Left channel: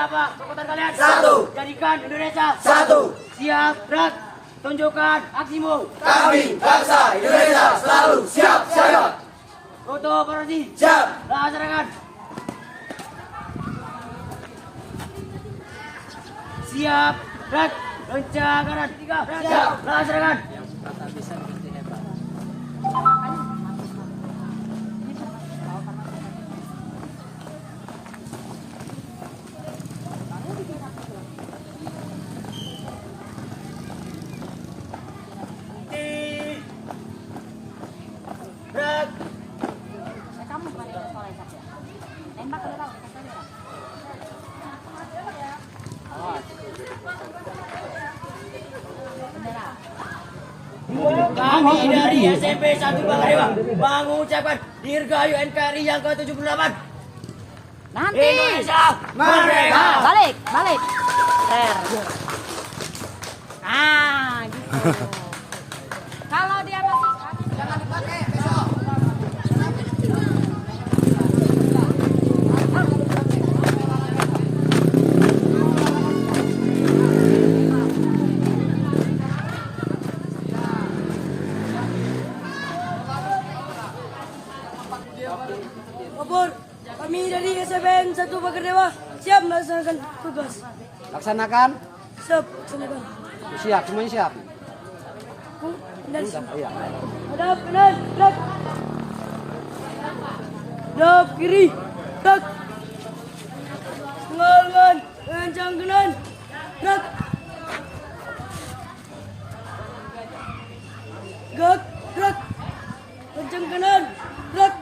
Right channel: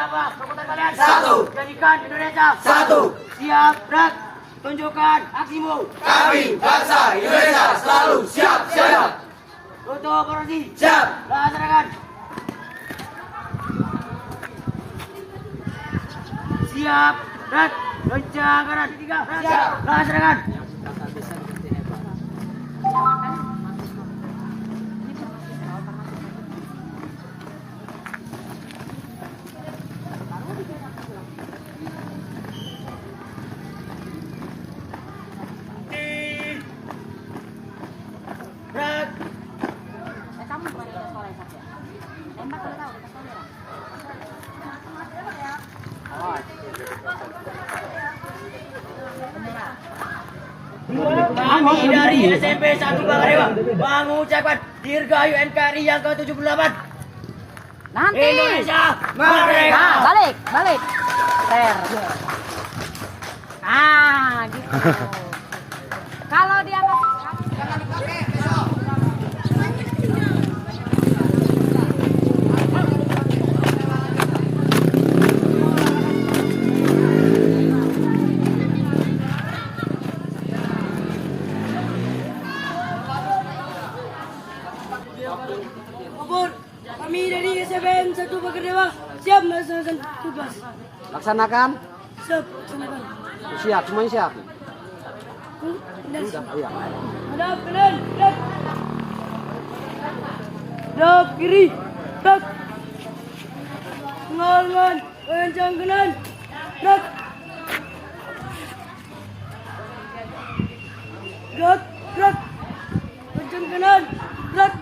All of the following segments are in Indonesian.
berapa kekuatan kalian? 1. Jadikan Indonesia 1. siap, gerak. Tunjukkan aksimu. Kami bangsa Indonesia selalu siap siaga. Foto operasi. Siap. Laksanakan. Siap, gerak. Lonceng kanan. 3. Siap. Laksanakan. Kami dari SMP 1 Bangkadewa mengucapkan Dirgahayu NKRI yang ke-78. Nanti. Indonesia merdeka. Nah, balik. Ter. Gitu. Kalau dia masih jangan dipakai besok. Kabur, kami dari SPN 1 Bangkadewa siap melaksanakan tugas. Laksanakan. Siap, laksanakan. Siap, semuanya siap. Sudah, Iya. hadap kanan, gerak. Hadap kiri, gerak. Lengan, kencang kanan, gerak. Gerak. Kencang kanan, gerak.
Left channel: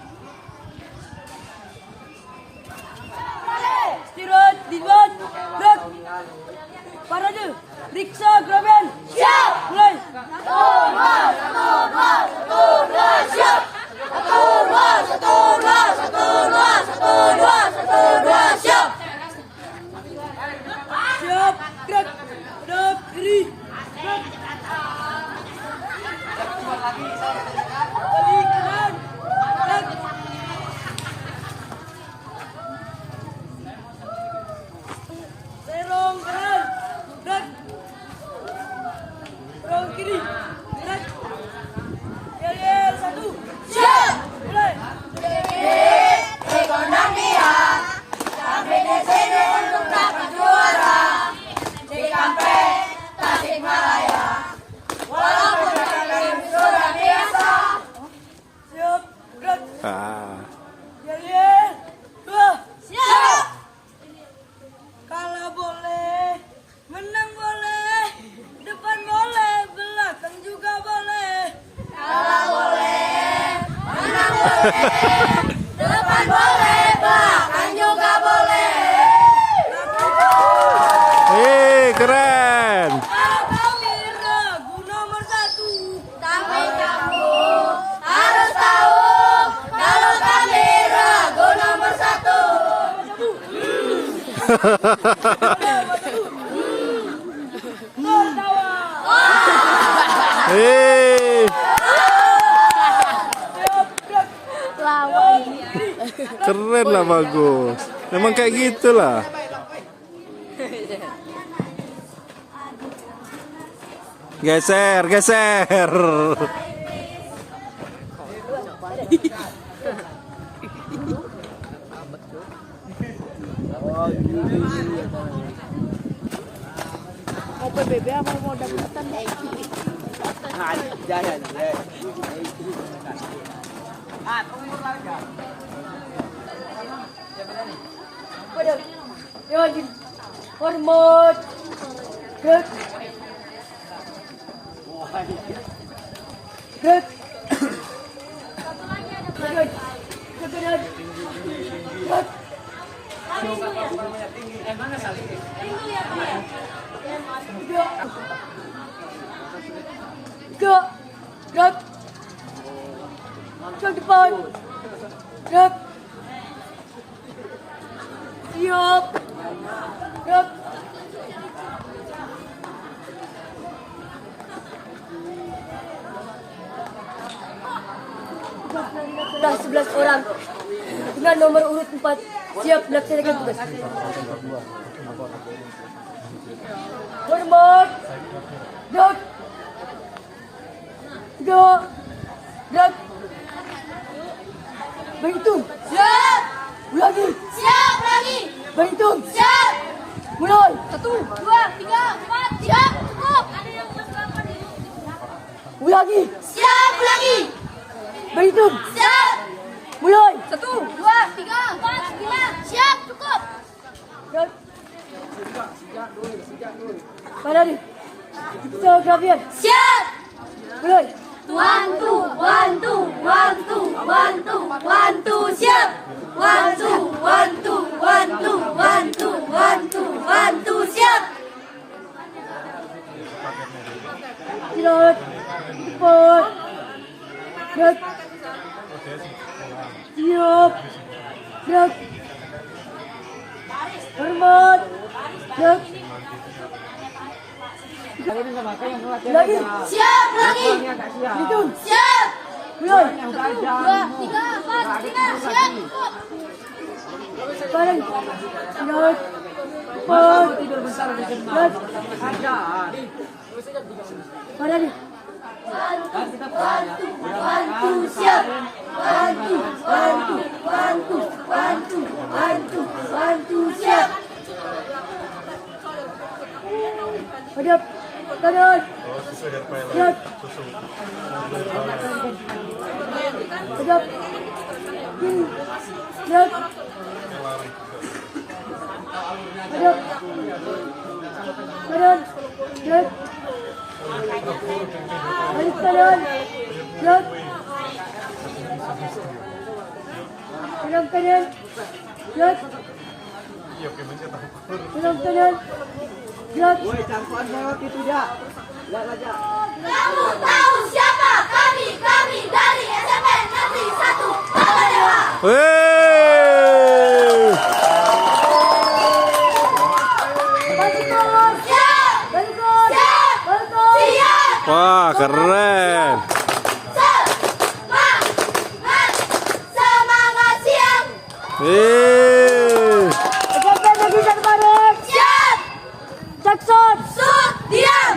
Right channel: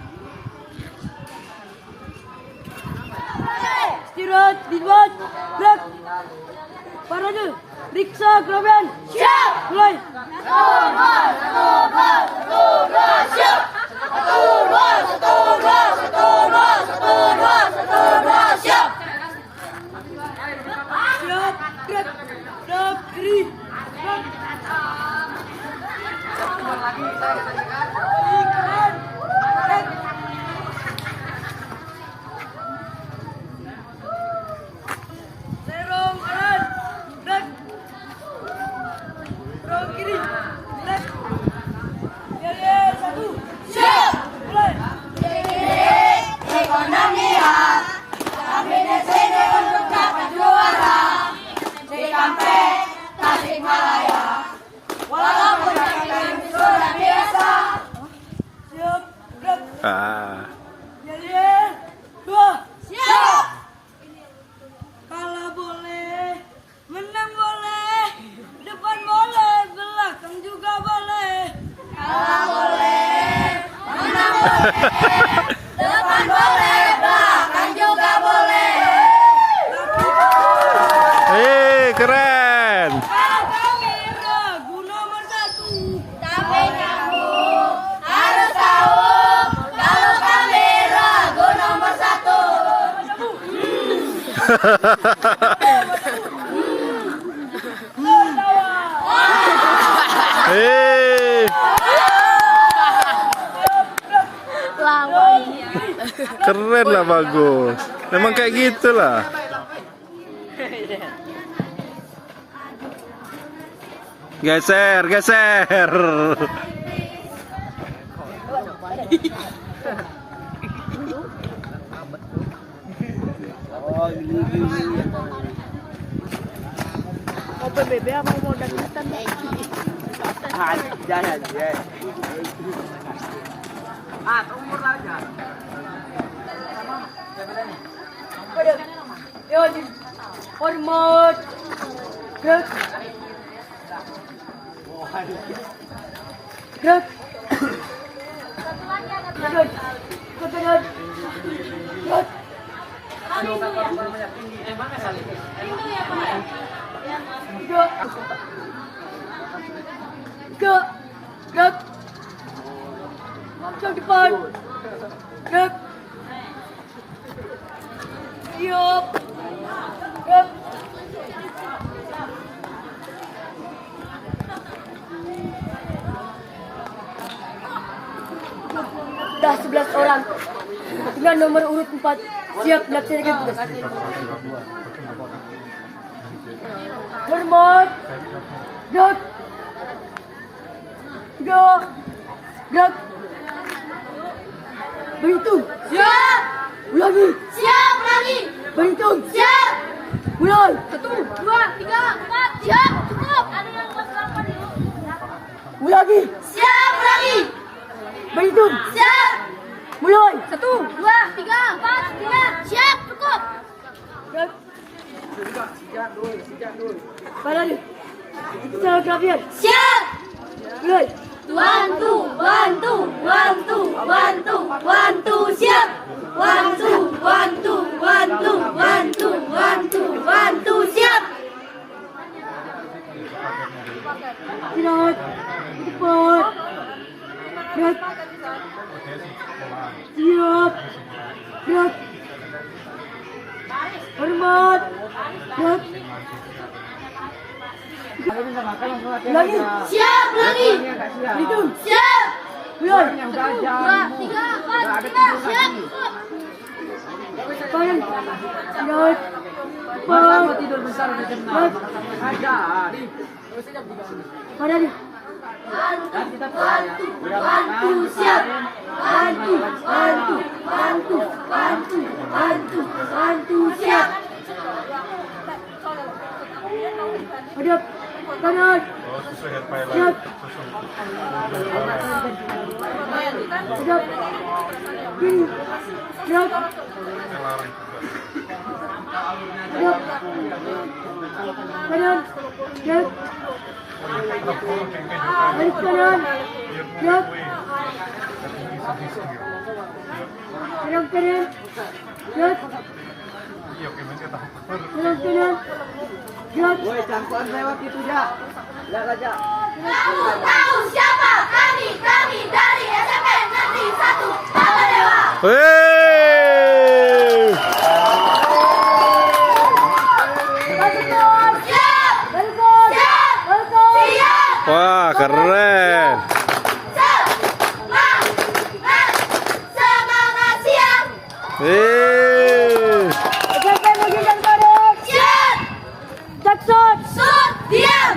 Istirahat, dibuat, gerak. Parade, riksa, kerobean. Siap. Mulai. Siap, gerak. Gerak, kiri. Gerak. Kiri, kanan. Gerak. Serong kanan. Gerak. Serong kiri. Gerak. Yel, 1. Siap. Mulai. Ekonomian kami di sini untuk dapat juara di Kampek Tasikmalaya. Walaupun kami sudah biasa. Siap. Gerak. Yel. 2. Siap. Kalah boleh, menang boleh, depan boleh, belakang juga boleh. Kalah boleh, menang boleh, depan boleh, belakang juga boleh. Keren. Kalau kami ragu nomor 1. Tapi kamu harus tahu kalau kami ragu nomor 1. Keren lah, bagus. Memang kayak gitulah. Geser. Mau PBB apa mau dangdutan? Jangan. Hormat. Gerak. Gerak. Gerak. Gerak. Gerak. Gerak. Gerak. Ke depan. Gerak. Siap. Gerak. Sudah 11 orang dengan nomor urut 4 siap melaksanakan tugas. Hormat. Gerak. 3. Gerak. Berhitung. Siap. Ulangi. Siap lagi. Berhitung. Siap. Mulai. 1, 2, 3, 4. Siap. Cukup. Ada yang pas 8 yuk. Ulangi. Siap lagi. Berhitung. Siap. Mulai. 1, 2, 3, 4, 5. Siap. Cukup. Gerak. Pada ni. Kita kerapian. Siap. Mulai. 1, 2, 1, 2, 1, 1, siap. 1, 2, 1, 2, 1, siap. Gerak. Cepat. Gerak. Siap. Gerak. Hormat. Gerak. Lagi. Siap lagi. Hitung. Siap. Mulai. 2, 3, 4, 5. Siap. Cukup. Badan. Gerak. Cepat. Gerak. Badan. 1, siap. 1, siap. Hadap. Kanan. Siap. Hadap. Kiri. Gerak. Hadap. Kanan. Gerak. Balik kanan. Gerak. Kanan kanan. Gerak. Kanan kanan. Gerak. Kamu tahu siapa kami dari SMP Negeri 1 Bagadewa. Wey. Siap. Balik. Siap. Balik. Siap. Wah, keren. Semangat. Semangat siap. SMP Negeri 1 Balik. Siap. Jackson. Sud. Diam.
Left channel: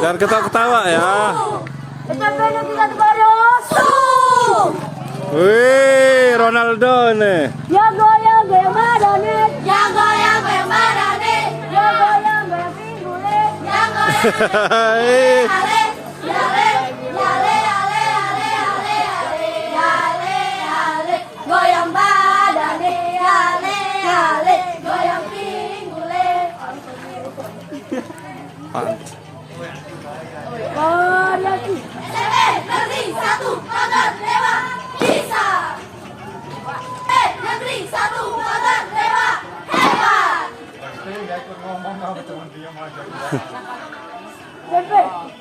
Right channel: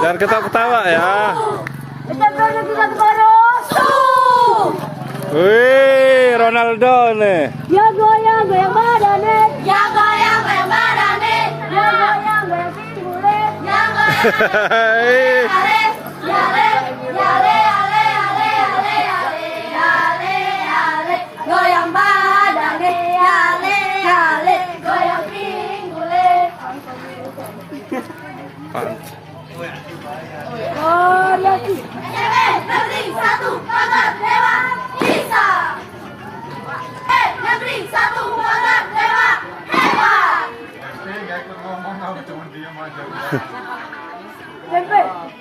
Jangan ketawa-ketawa ya. SMP Negeri 1 Balik. Wih, Ronaldo nih. Ya goyang goyang badannya. Yang goyang goyang badannya. Ya goyang goyang pinggulnya. Yang goyang ale. Yale. Yale. Ale. Ale. Ale. Ale. Ale. Goyang badannya. Yale. Yale. Goyang pinggulnya. Variasi. SMP Negeri 1 Bagadewa bisa. Negeri 1 Bagadewa hebat. SMP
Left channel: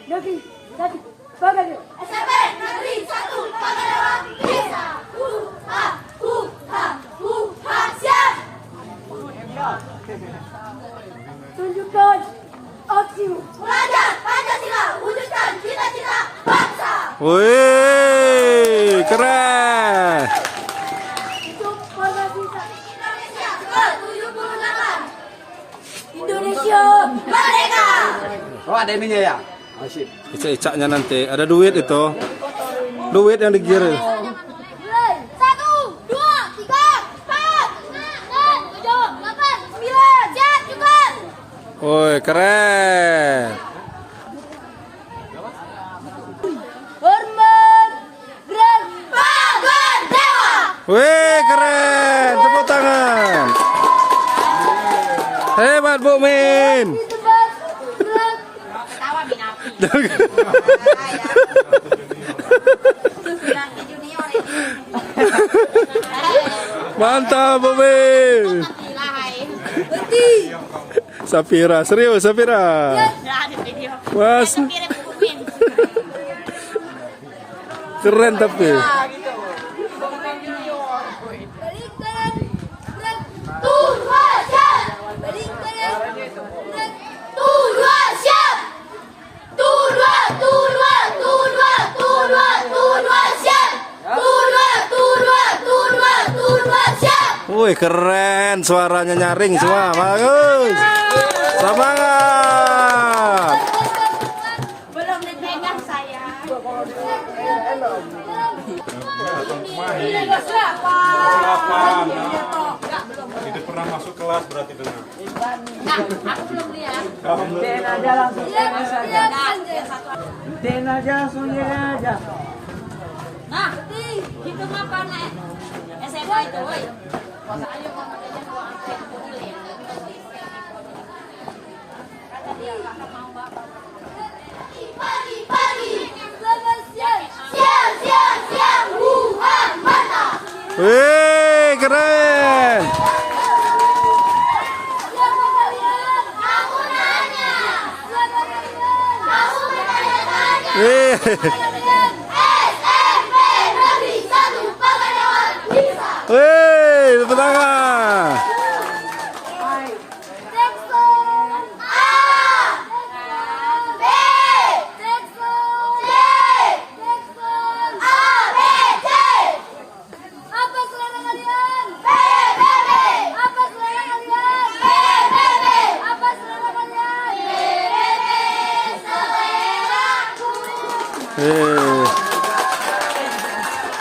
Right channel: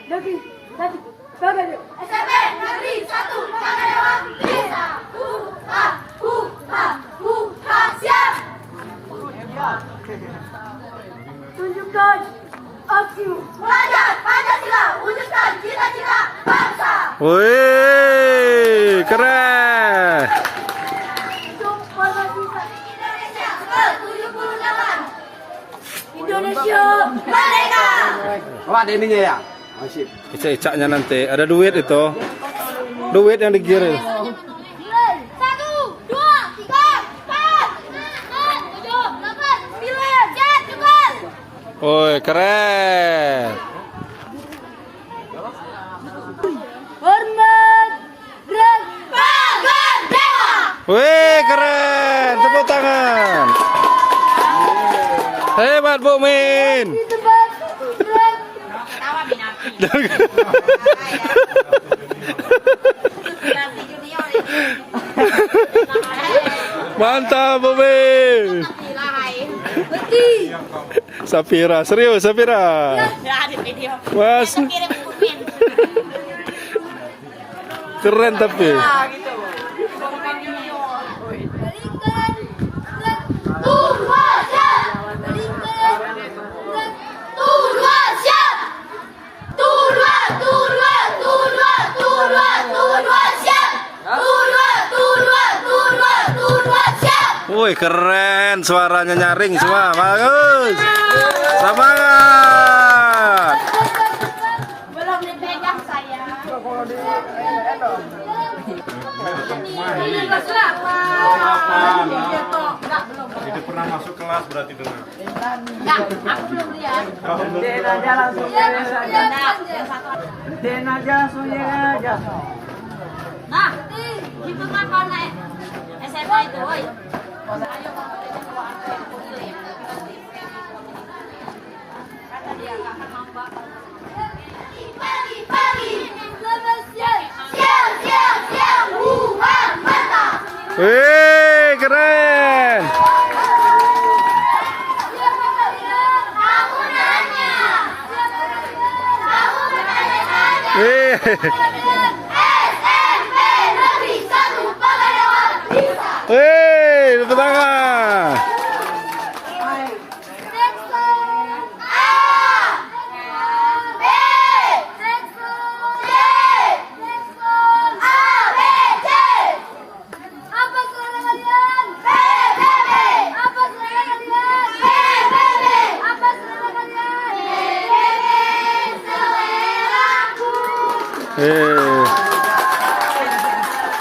Negeri 1 Bagadewa. SMP Negeri 1 Bagadewa bisa. Siap. Tunjukkan aksimu. Belajar Pancasila, wujudkan cita-cita bangsa. Wih, keren. Hidup Pancasila. Indonesia ke-78. Indonesia Merdeka. Oh, ada ininya ya? Masih. Ica-icaknya nanti. Ada duit itu. Duit yang digiring. 1, 2, 3, 4, 5, 6, 7, 8, 9. Siap, cukup. Woi, keren. hormat. Gerak. Bagadewa. Wih, keren. Tepuk tangan. Hebat, Bu Min. Di tempat. Gerak. Mantap, Bu Min. Sapira, serius Sapira. Mas. Keren tapi. Siap. Wih, keren. Suaranya nyaring semua. Bagus. Semangat. Belum dipegang saya. Tidak pernah masuk kelas berarti dulu. Enggak, aku belum lihat. Den aja langsung. Den aja langsung aja. Nah, gitu apa nek? SMA itu, woi. Pagi-pagi, selamat siang. Siang, mantap. Wih, keren. Siapa kalian? Aku nanya. Siapa kalian? Aku nanya saja. Wih. Kalian SMP Negeri 1 Pagadewan bisa. Wih, tepuk tangan. Jackson A B Jackson C Jackson A B C. Apa selera kalian? B B B. Apa selera kalian? B B B. Apa selera kalian? B B B. Seleraku.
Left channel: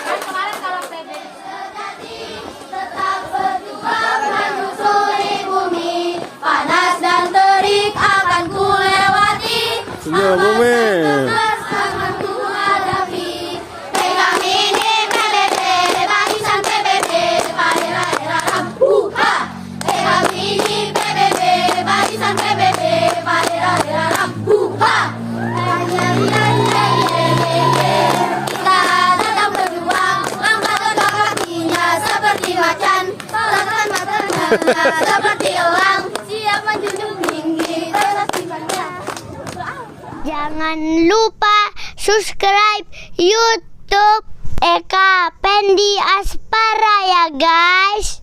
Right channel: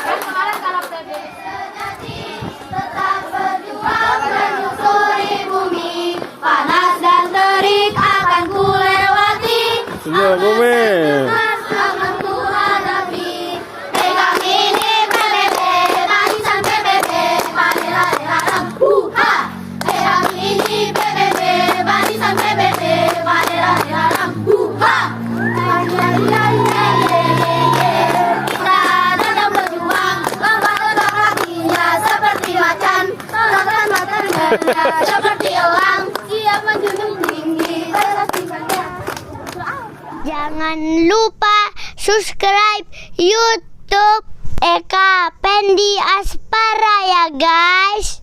Kan kemarin kalau PB tetap berjuang menyusuri bumi, panas dan terik akan ku lewati. Senyum, Bumi. Akan ku hadapi. Pegang ini PBB, barisan PBB, daerah-daerah buka. Pegang ini PBB, barisan PBB, daerah-daerah buka. Kita datang berjuang, lambat otak kakinya seperti macan, tolakkan matanya seperti elang, siap menjunjung tinggi kesaksiannya. Jangan lupa subscribe YouTube Eka Pendi Aspara ya guys.